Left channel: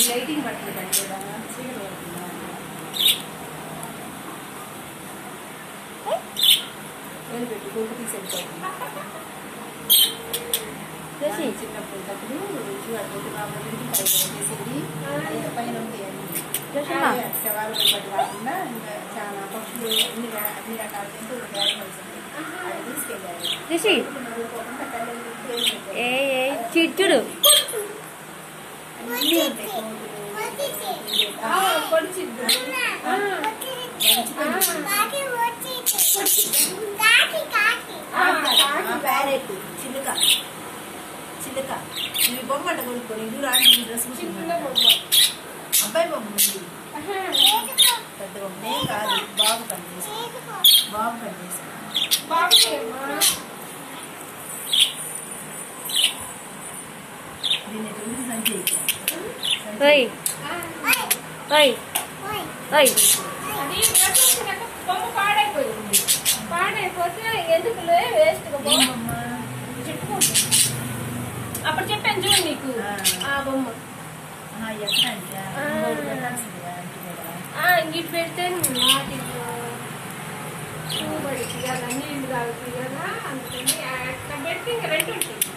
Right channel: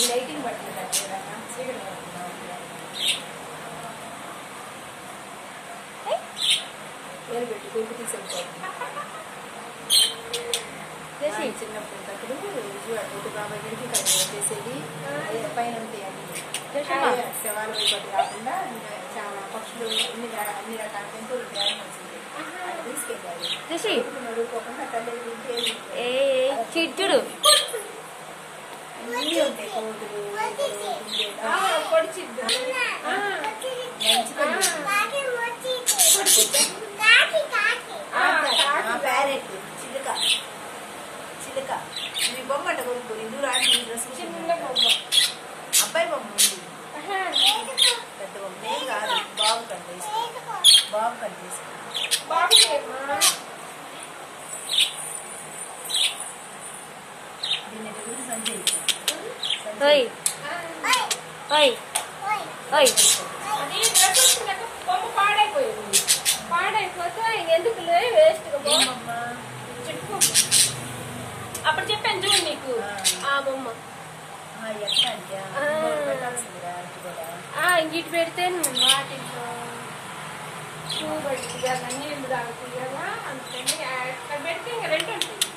lighting పడుతుంది పెట్టి కొడుకు తీసుకెళ్ళిపోతుంది చిన్నప్పుడు చేసేది పైన కాకుండా చాలా పక్షులు అన్ని రకాల తీసుకెళ్ళారు చిట్టుడు ప్యారెట్ చిలుక చిలుక మీ బొమ్మ అట్ట కొనుక్కోని దూరాన్ని డ్రెస్ చిన్న బొమ్మ అబ్బాయి బొమ్మ ఉంది పెద్ద బొమ్మ కాదు బాబు కనిపిస్తుంది బాబు కనిపిస్తుంది దీన్ని తెలుగు సంచి బొమ్మ పాడైపోయింది పాడైపోతే ఎందుకు వేస్ట్ అప్పుడు చెప్పాను చూడు నీకు ఆ బొమ్మ ఇంగిటి పెడితే చూబడి తీయాలా నీళ్ళు తాగి తీయాలా అందుకని అట్లా పెడితే ఇంక రెండు ఉంటుంది